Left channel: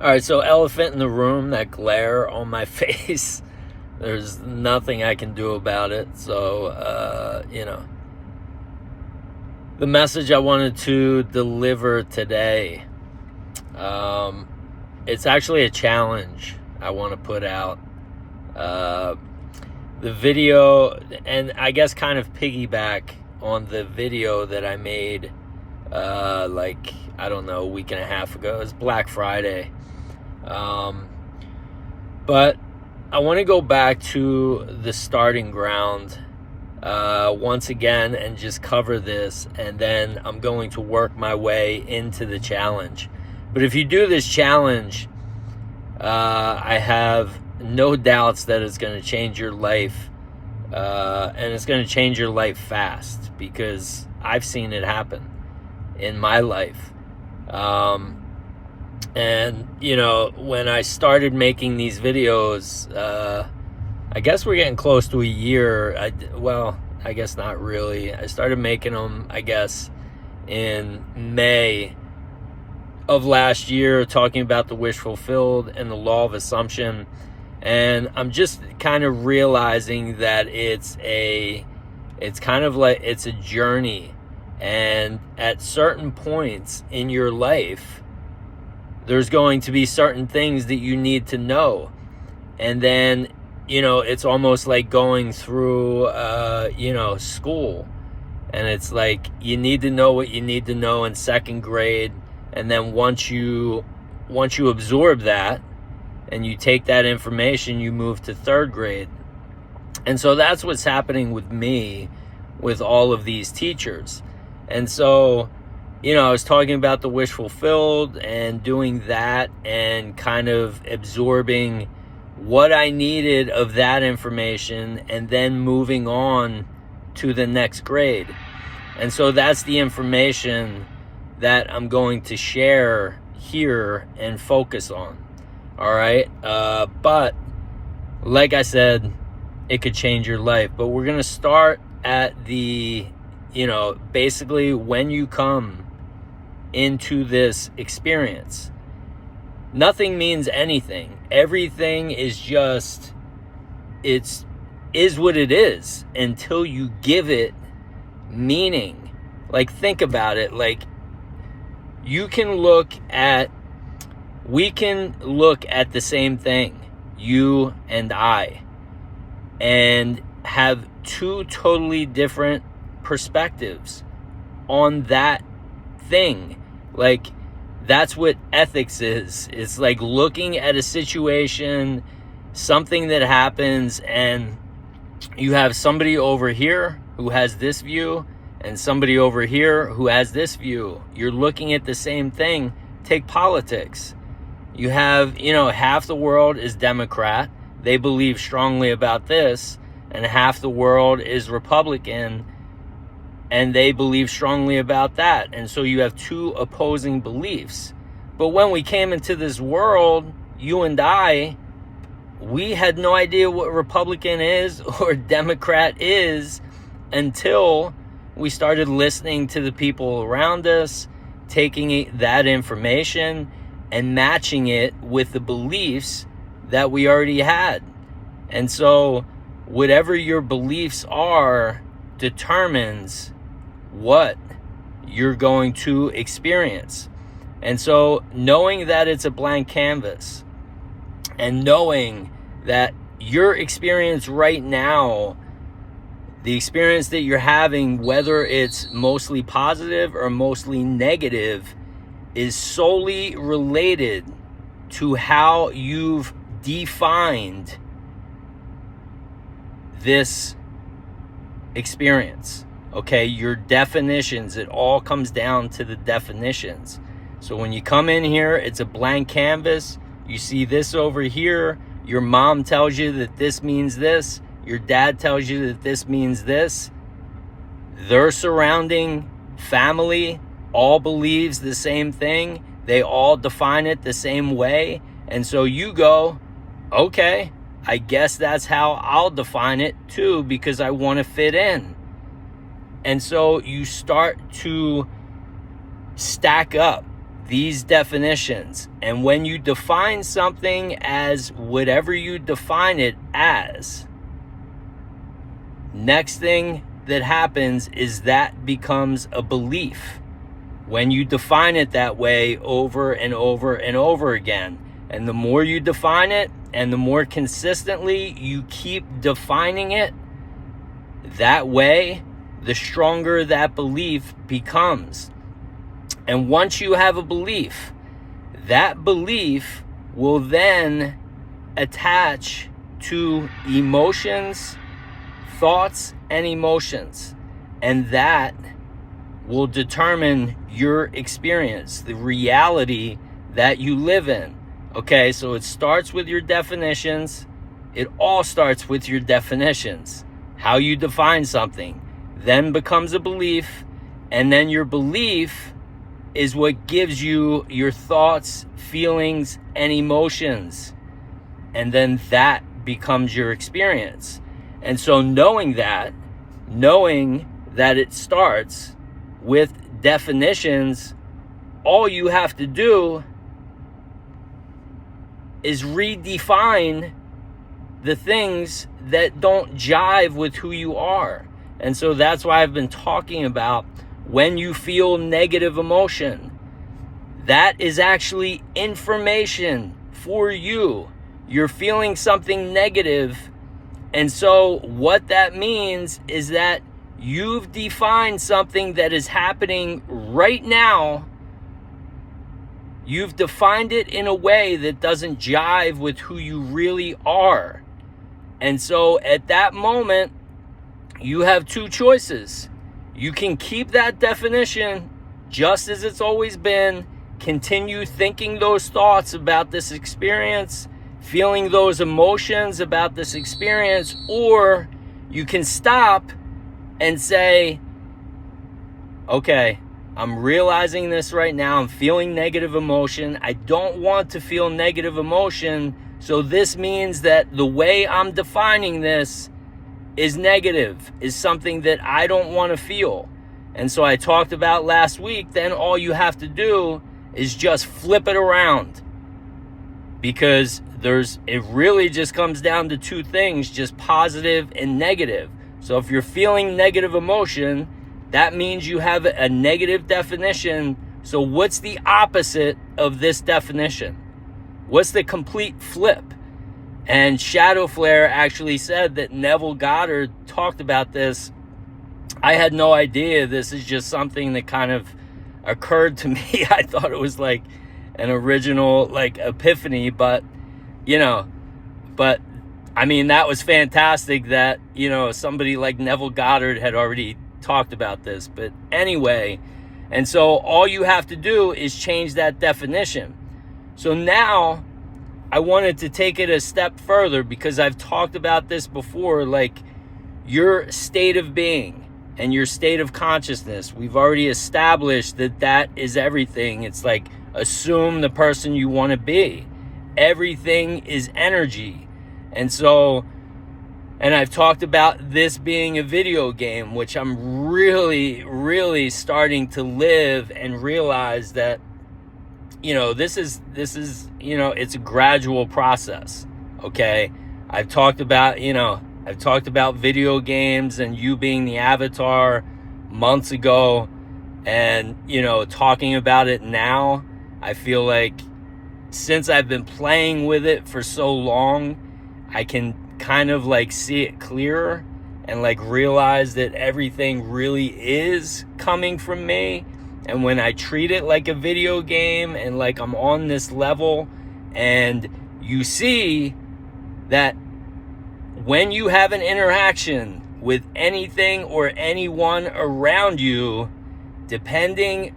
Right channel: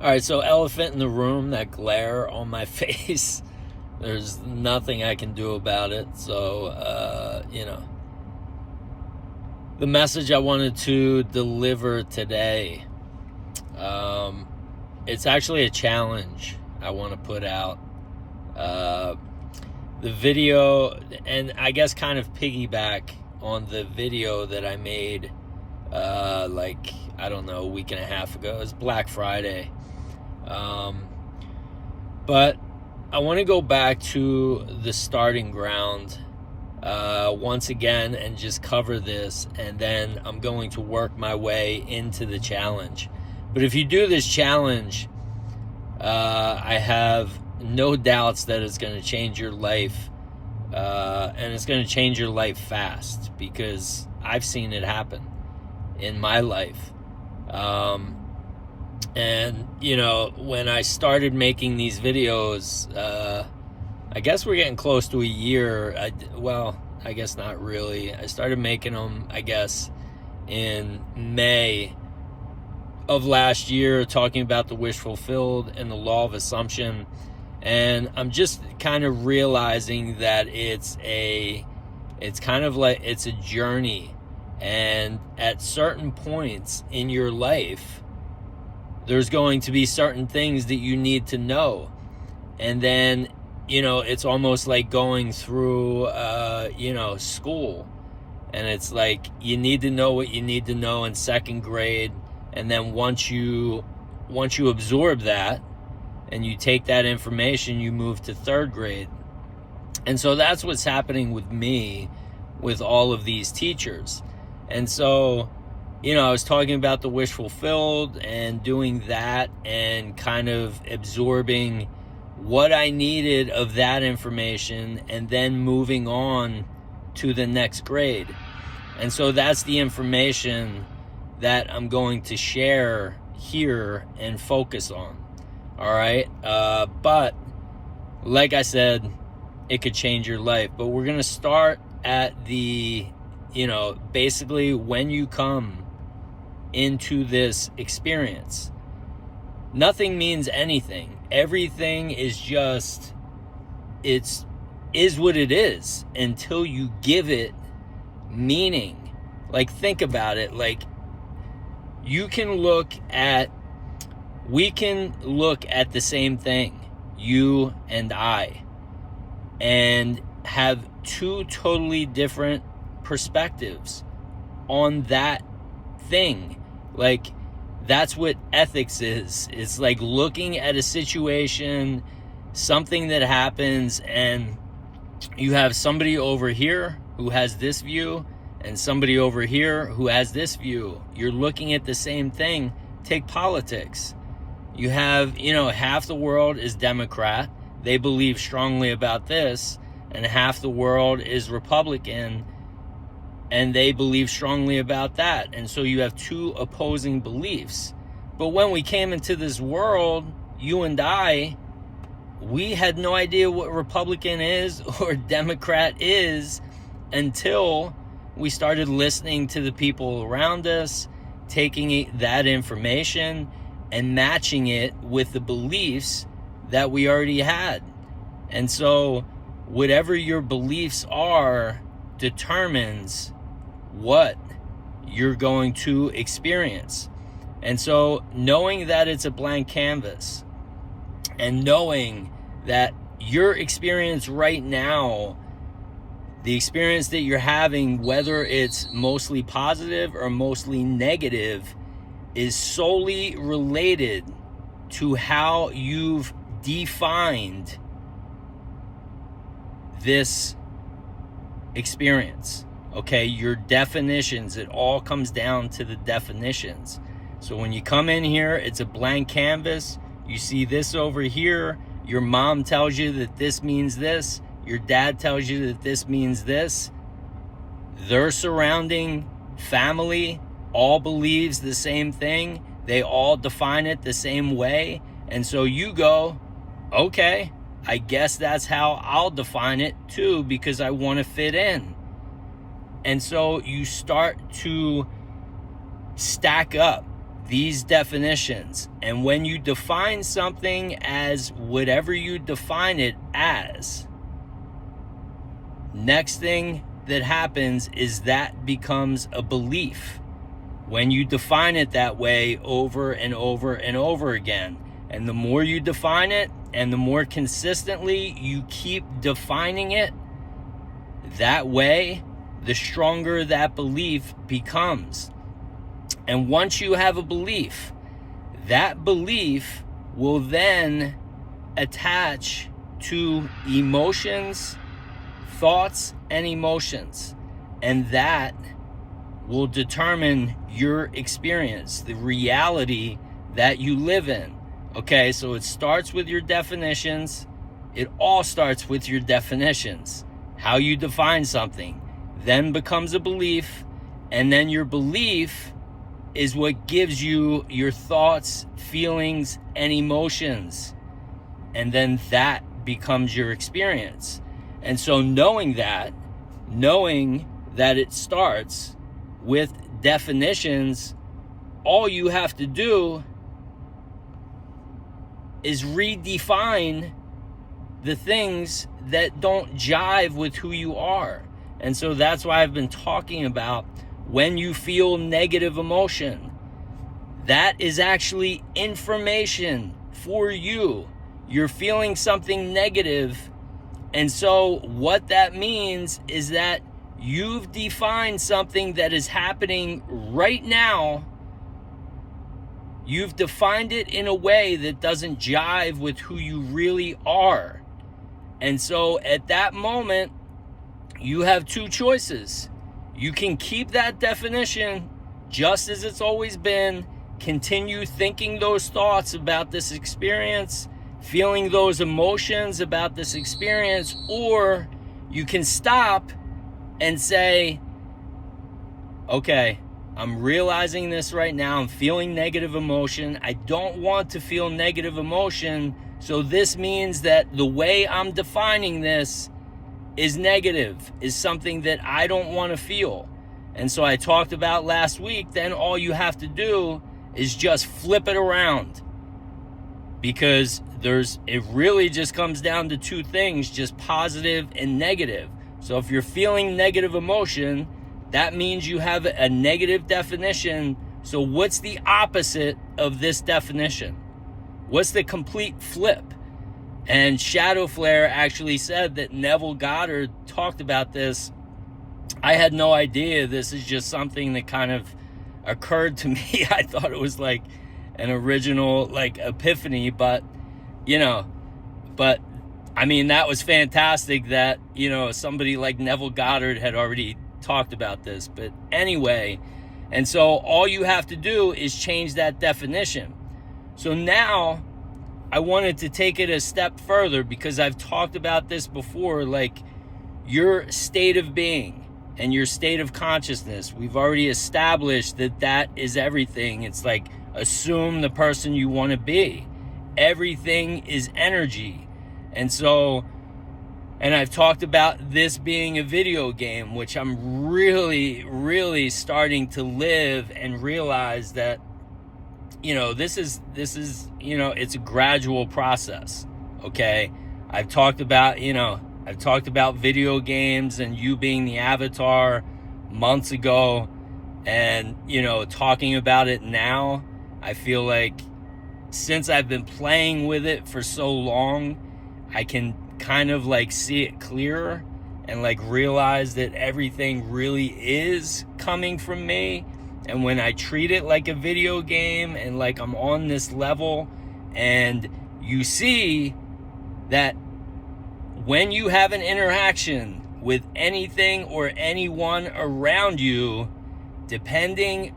All right, so elephant in the room, that glare on my face. There's nothing I can do about it. So, the message I wanted to deliver today, it's actually a challenge I want to put out. The video, and I guess kind of piggyback on the video that I made, a week and a half ago. It was Black Friday. But I want to go back to the starting ground once again and just cover this, and then I'm going to work my way into the challenge. But if you do this challenge, I have no doubts that it's going to change your life, and it's going to change your life fast, because I've seen it happen in my life. And, when I started making these videos, I guess we're getting close to a year. I guess not really. I started making them, in May of last year, talking about the wish fulfilled and the law of assumption. And I'm just kind of realizing that it's a journey. And at certain points in your life, there's going to be certain things that you need to know. And then, it's almost like going through, school. And it's like, you need to know what you need to know in second grade. And then once you absorb that and you take that information, you move to third grade. And so that's what's happening with me, with all of these teachers. And so, I was talking about the wish fulfilled and doing that and kind of absorbing what I needed of that information and then moving on to the next grade. And so that's the information that I'm going to share here and focus on. All right. But like I said, it could change your life. But we're going to start at the, basically when you come into this experience. Nothing means anything. Everything is just, is what it is until you give it meaning. Like, think about it. Like, we can look at the same thing, you and I, and have two totally different perspectives on that thing. Like, that's what ethics is. It's like looking at a situation, something that happens, and you have somebody over here who has this view and somebody over here who has this view. You're looking at the same thing. Take politics. You have, half the world is Democrat. They believe strongly about this, and half the world is Republican, and they believe strongly about that. And so you have two opposing beliefs. But when we came into this world, you and I, we had no idea what Republican is or Democrat is until we started listening to the people around us, taking that information and matching it with the beliefs that we already had. And so whatever your beliefs are determines what you're going to experience. And so knowing that it's a blank canvas, and knowing that your experience right now, the experience that you're having, whether it's mostly positive or mostly negative, is solely related to how you've defined this experience. Okay, your definitions, it all comes down to the definitions. So when you come in here, it's a blank canvas. You see this over here. Your mom tells you that this means this. Your dad tells you that this means this. Their surrounding family all believes the same thing. They all define it the same way. And so you go, okay, I guess that's how I'll define it too, because I want to fit in. And so you start to stack up these definitions. And when you define something as whatever you define it as, next thing that happens is that becomes a belief. When you define it that way over and over and over again, and the more you define it and the more consistently you keep defining it that way, the stronger that belief becomes. And once you have a belief, that belief will then attach to emotions, thoughts, and emotions. And that will determine your experience, the reality that you live in. Okay, so it starts with your definitions. It all starts with your definitions. How you define something then becomes a belief, and then your belief is what gives you your thoughts, feelings, and emotions. And then that becomes your experience. And so knowing that it starts with definitions, all you have to do is redefine the things that don't jive with who you are. And so that's why I've been talking about when you feel negative emotion, that is actually information for you. You're feeling something negative. And so what that means is that you've defined something that is happening right now. You've defined it in a way that doesn't jive with who you really are. And so at that moment, you have two choices. You can keep that definition just as it's always been, continue thinking those thoughts about this experience, feeling those emotions about this experience, or you can stop and say, okay, I'm realizing this right now. I'm feeling negative emotion. I don't want to feel negative emotion. So this means that the way I'm defining this is negative, is something that I don't want to feel. And so I talked about last week, then all you have to do is just flip it around. Because it really just comes down to two things, just positive and negative. So if you're feeling negative emotion, that means you have a negative definition. So what's the opposite of this definition? What's the complete flip? And Shadow Flare actually said that Neville Goddard talked about this. I had no idea. This is just something that kind of occurred to me. I thought it was like an original like epiphany, but I mean, that was fantastic that, somebody like Neville Goddard had already talked about this. But anyway, and so all you have to do is change that definition. So now I wanted to take it a step further, because I've talked about this before, like your state of being and your state of consciousness. We've already established that is everything. It's like, assume the person you want to be. Everything is energy. And so, and I've talked about this being a video game, which I'm really, really starting to live and realize that, this is, it's a gradual process. Okay. I've talked about video games and you being the avatar months ago, and, talking about it now. I feel like since I've been playing with it for so long, I can kind of like see it clearer and like realize that everything really is coming from me. And when I treat it like a video game and like I'm on this level, and you see that when you have an interaction with anything or anyone around you, depending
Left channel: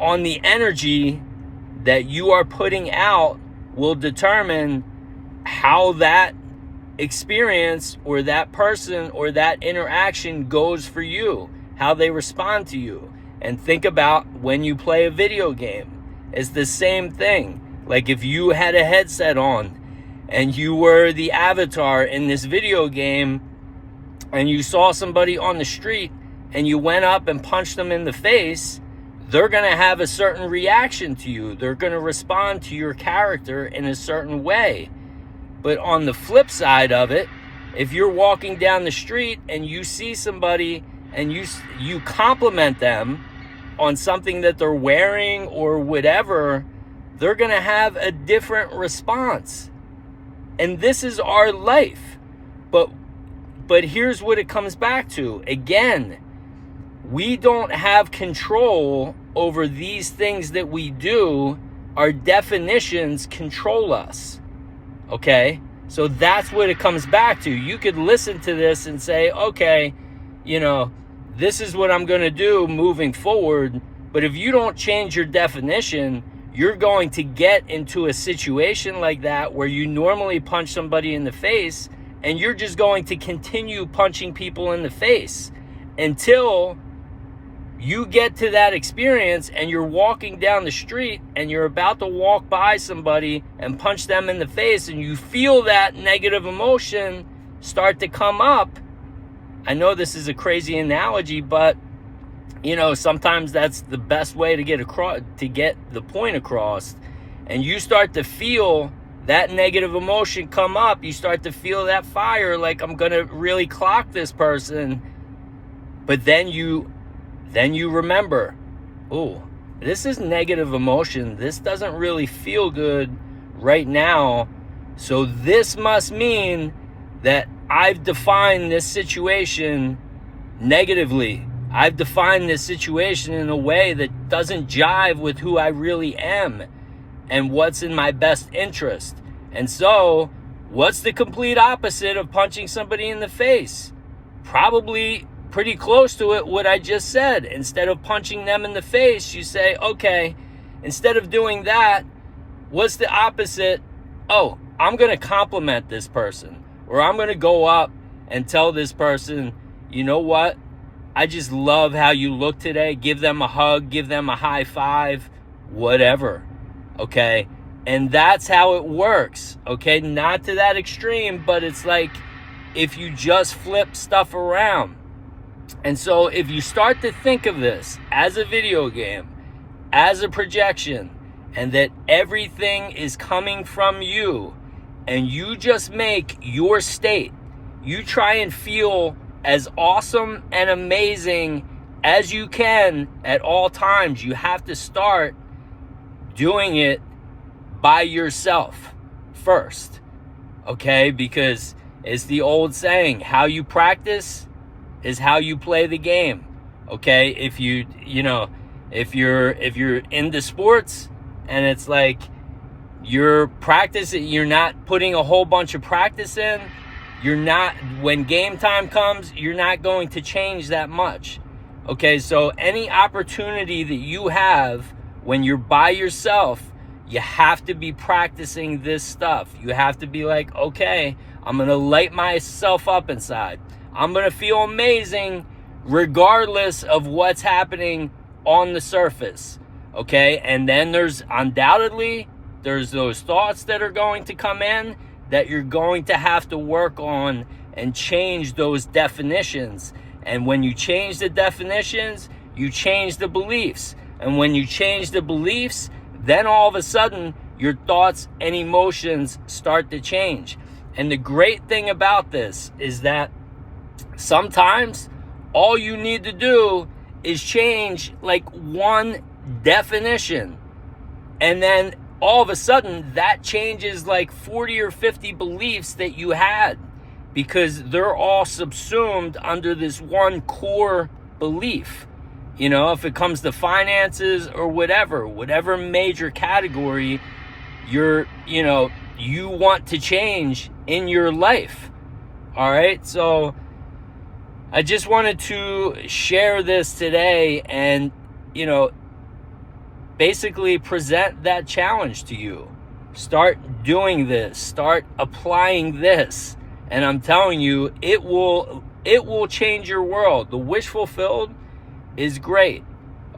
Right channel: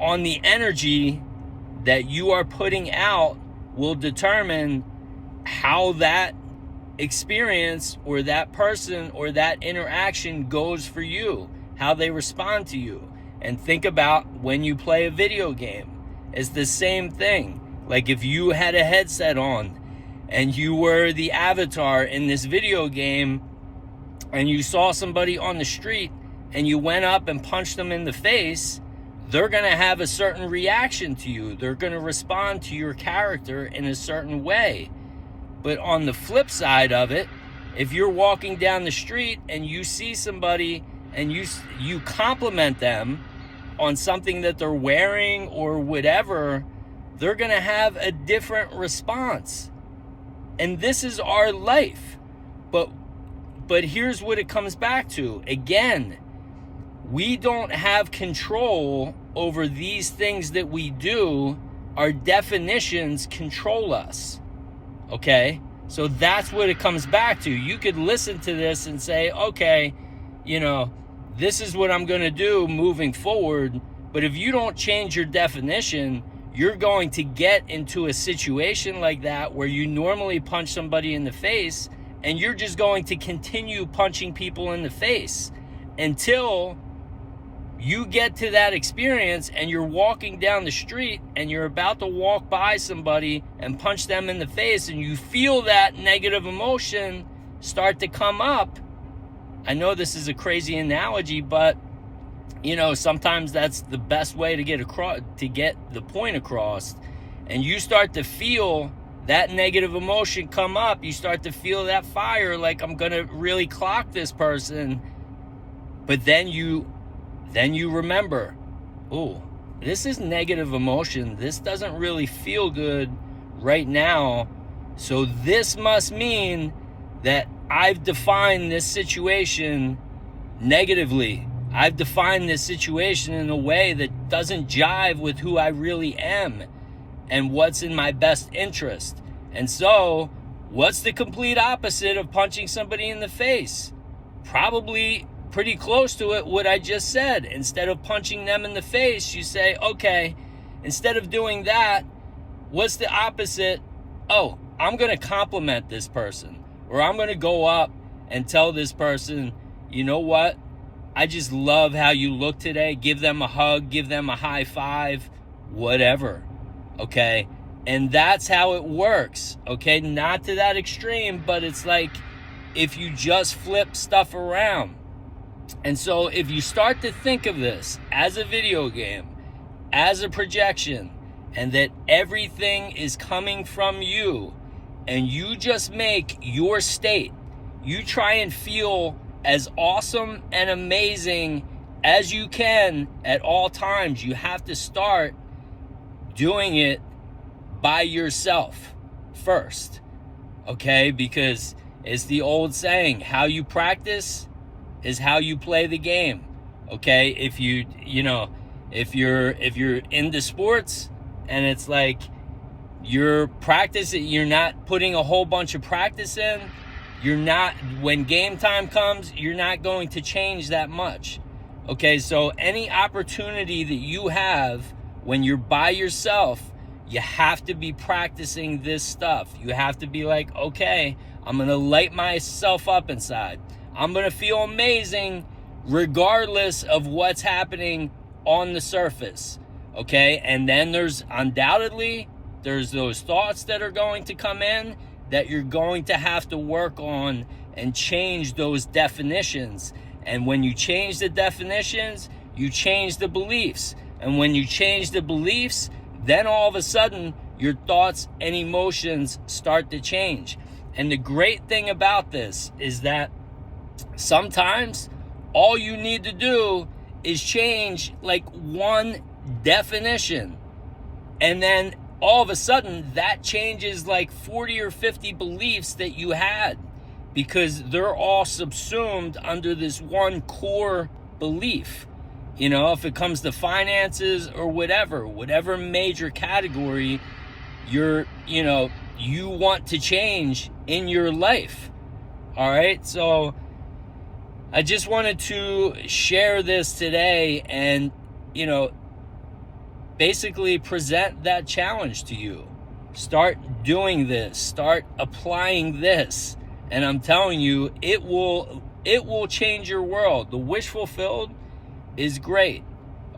on the energy that you are putting out will determine how that experience or that person or that interaction goes for you, how they respond to you. And think about when you play a video game. It's the same thing. Like if you had a headset on and you were the avatar in this video game and you saw somebody on the street and you went up and punched them in the face, they're going to have a certain reaction to you. They're going to respond to your character in a certain way. But on the flip side of it, if you're walking down the street and you see somebody and you compliment them on something that they're wearing or whatever, they're going to have a different response. And this is our life. But here's what it comes back to. Again, we don't have control over these things that we do. Our definitions control us. Okay? So that's what it comes back to. You could listen to this and say, okay, this is what I'm going to do moving forward. But if you don't change your definition, you're going to get into a situation like that where you normally punch somebody in the face, and you're just going to continue punching people in the face until you get to that experience and you're walking down the street and you're about to walk by somebody and punch them in the face, and you feel that negative emotion start to come up. I know this is a crazy analogy, but sometimes that's the best way to get the point across. And you start to feel that negative emotion come up. You start to feel that fire, like, I'm gonna really clock this person. But then you remember, oh, this is negative emotion. This doesn't really feel good right now. So this must mean that I've defined this situation negatively. I've defined this situation in a way that doesn't jive with who I really am and what's in my best interest. And so, what's the complete opposite of punching somebody in the face? Probably pretty close to it, what I just said. Instead of punching them in the face, you say, okay, instead of doing that, what's the opposite? Oh, I'm going to compliment this person. Or I'm going to go up and tell this person, you know what? I just love how you look today. Give them a hug, give them a high five, whatever. Okay? And that's how it works. Okay? Not to that extreme, but it's like if you just flip stuff around. And so if you start to think of this as a video game, as a projection, and that everything is coming from you, and you just make your state, you try and feel as awesome and amazing as you can at all times. You have to start doing it by yourself first, okay? Because it's the old saying, how you practice is how you play the game, okay? If if you're into sports and it's like you're practicing, you're not putting a whole bunch of practice in, when game time comes, you're not going to change that much. Okay, so any opportunity that you have when you're by yourself, you have to be practicing this stuff. You have to be like, okay, I'm going to light myself up inside. I'm going to feel amazing regardless of what's happening on the surface. Okay, and then there's those thoughts that are going to come in that you're going to have to work on and change those definitions. And when you change the definitions, you change the beliefs. And when you change the beliefs, then all of a sudden, your thoughts and emotions start to change. And the great thing about this is that sometimes all you need to do is change like one definition. And then all of a sudden, that changes like 40 or 50 beliefs that you had, because they're all subsumed under this one core belief. If it comes to finances or whatever major category you want to change in your life. All right. So I just wanted to share this today and, basically present that challenge to you. Start doing this. Start applying this. And I'm telling you, it will change your world. The wish fulfilled is great.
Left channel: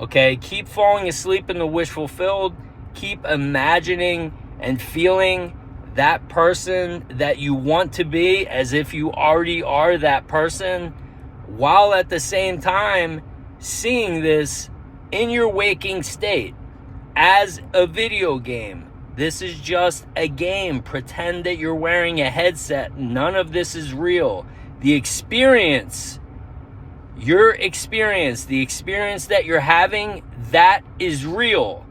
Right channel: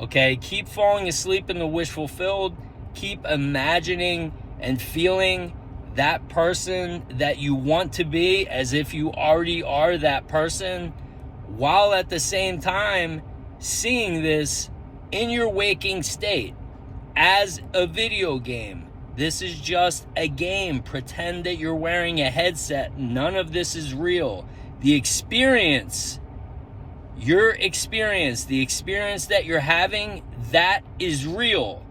Okay? Keep falling asleep in the wish fulfilled. Keep imagining and feeling that person that you want to be as if you already are that person, while at the same time seeing this in your waking state as a video game. This is just a game. Pretend that you're wearing a headset. None of this is real. The experience, your experience, the experience that you're having, that is real.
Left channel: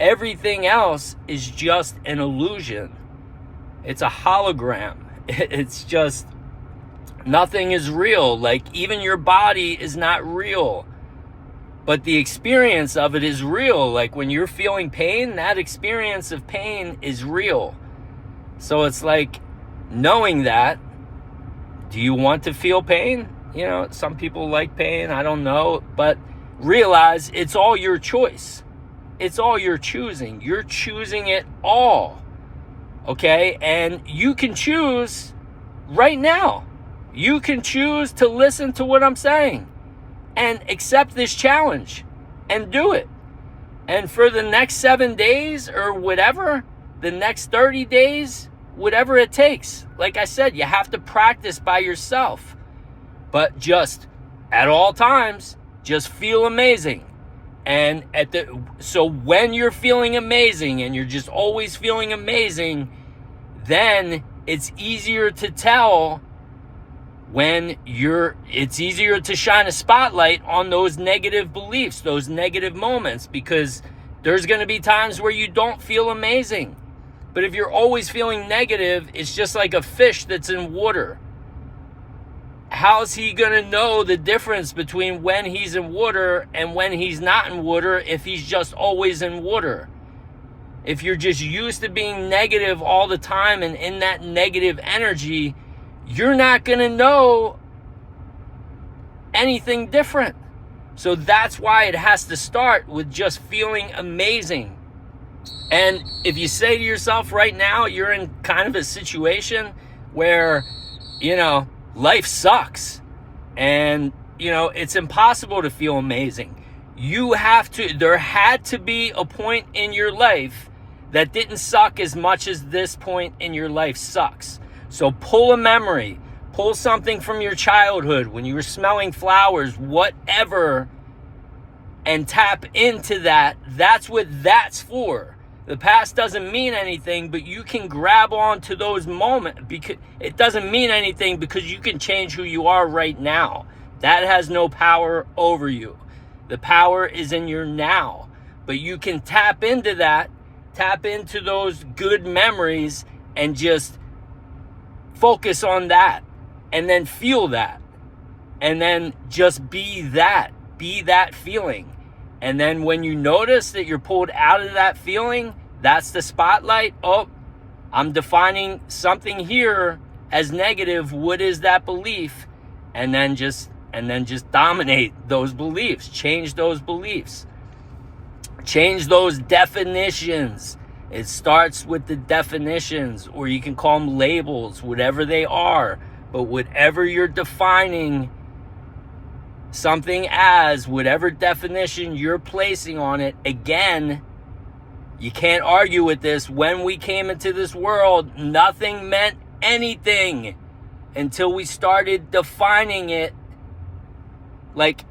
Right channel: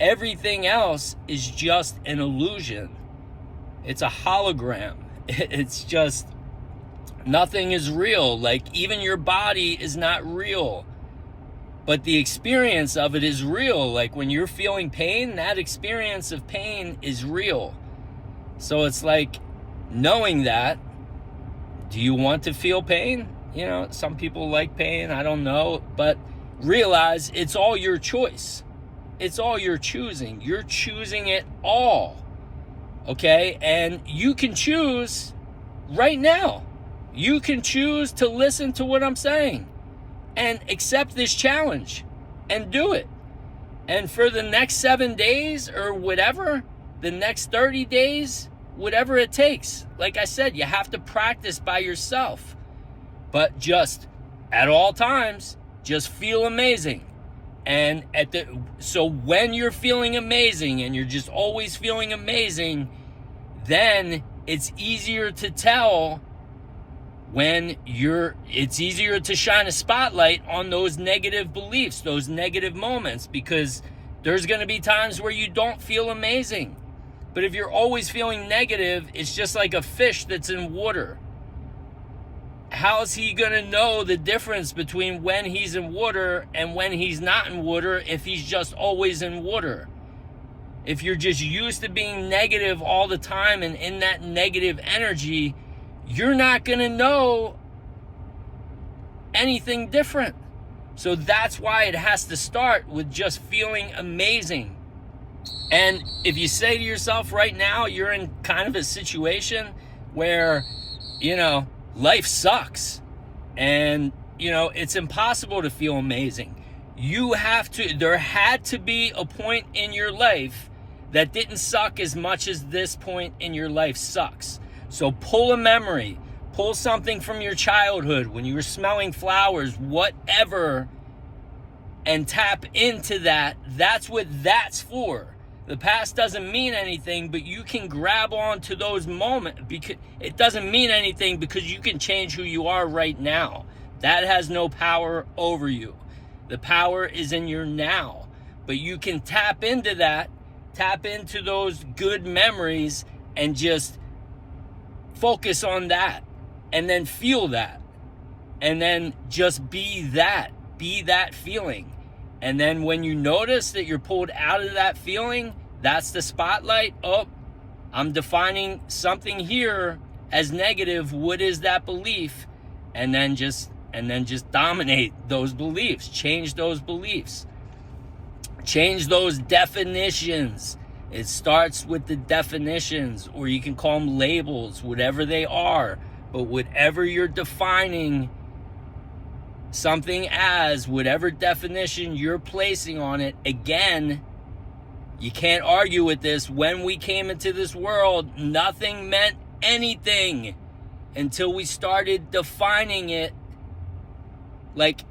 Everything else is just an illusion. It's a hologram. It's just, nothing is real. Like, even your body is not real. But the experience of it is real. Like, when you're feeling pain, that experience of pain is real. So it's like, knowing that, do you want to feel pain? You know, some people like pain, I don't know. But realize it's all your choice. It's all you're choosing. You're choosing it all. Okay? And you can choose right now. You can choose to listen to what I'm saying and accept this challenge and do it. And for the next 7 days or whatever, the next 30 days, whatever it takes. Like I said, you have to practice by yourself. But just at all times, just feel amazing. And so when you're feeling amazing and you're just always feeling amazing, then it's easier to tell when it's easier to shine a spotlight on those negative beliefs, those negative moments, because there's going to be times where you don't feel amazing. But if you're always feeling negative, it's just like a fish that's in water. How's he going to know the difference between when he's in water and when he's not in water if he's just always in water? If you're just used to being negative all the time and in that negative energy, you're not going to know anything different. So that's why it has to start with just feeling amazing. And if you say to yourself right now, you're in kind of a situation where, you know, life sucks and, you know, it's impossible to feel amazing. There had to be a point in your life that didn't suck as much as this point in your life sucks. So pull a memory, pull something from your childhood when you were smelling flowers, whatever, and tap into that. That's what that's for. The past doesn't mean anything, but you can grab on to those moments because it doesn't mean anything because you can change who you are right now. That has no power over you. The power is in your now, but you can tap into that, tap into those good memories and just focus on that and then feel that and then just be that feeling. And then when you notice that you're pulled out of that feeling, that's the spotlight. Oh, I'm defining something here as negative. What is that belief? And then just dominate those beliefs. Change those beliefs. Change those definitions. It starts with the definitions, or you can call them labels, whatever they are. But whatever you're defining something as, whatever definition you're placing on it, again, you can't argue with this. When we came into this world, nothing meant anything until we started defining it. Like,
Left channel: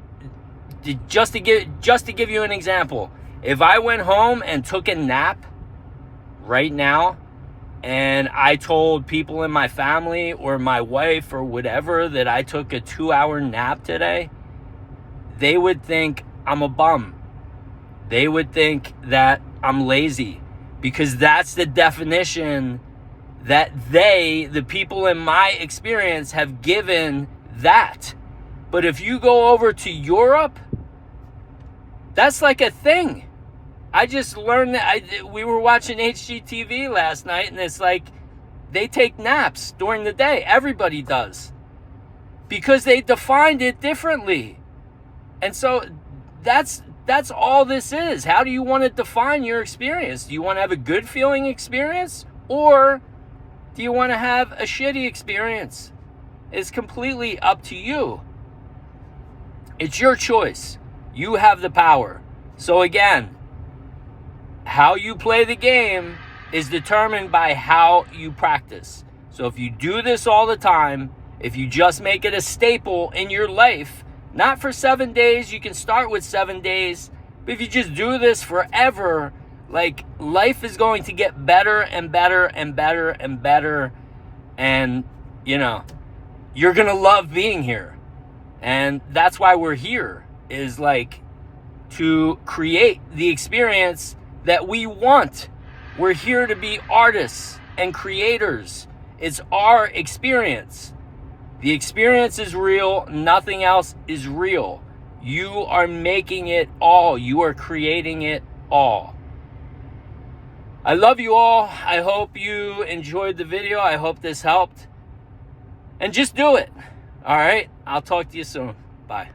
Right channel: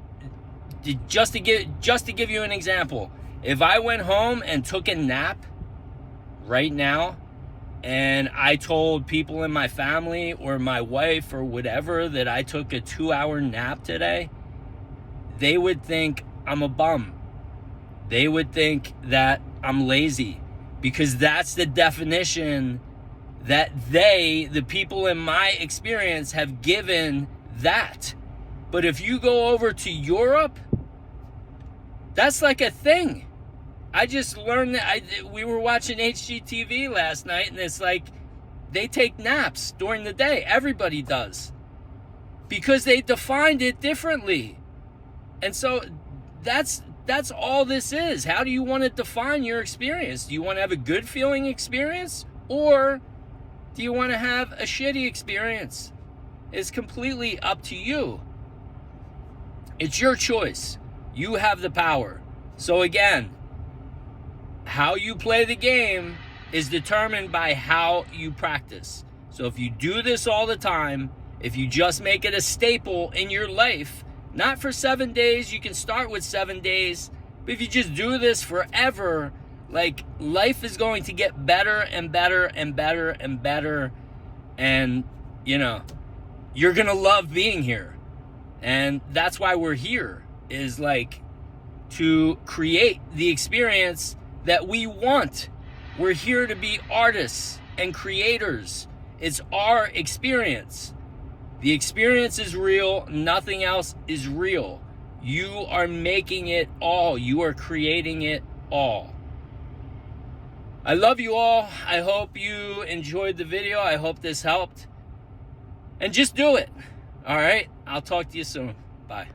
just to give you an example, if I went home and took a nap right now, and I told people in my family or my wife or whatever that I took a 2-hour nap today, they would think I'm a bum. They would think that I'm lazy, because that's the definition that the people in my experience, have given that. But if you go over to Europe, that's like a thing. I just learned that we were watching HGTV last night, and it's like they take naps during the day. Everybody does, because they defined it differently. And so that's all this is. How do you want to define your experience? Do you want to have a good feeling experience, or do you want to have a shitty experience? It's completely up to you. It's your choice. You have the power. So again, how you play the game is determined by how you practice. So if you do this all the time, if you just make it a staple in your life, not for 7 days, you can start with 7 days But if you just do this forever, like, life is going to get better and better and better and better. And, you know, you're going to love being here. And that's why we're here, is like to create the experience that we want. We're here to be artists and creators. It's our experience. The experience is real. Nothing else is real. You are making it all. You are creating it all. I love you all. I hope you enjoyed the video. I hope this helped. And just do it. All right? I'll talk to you soon. Bye.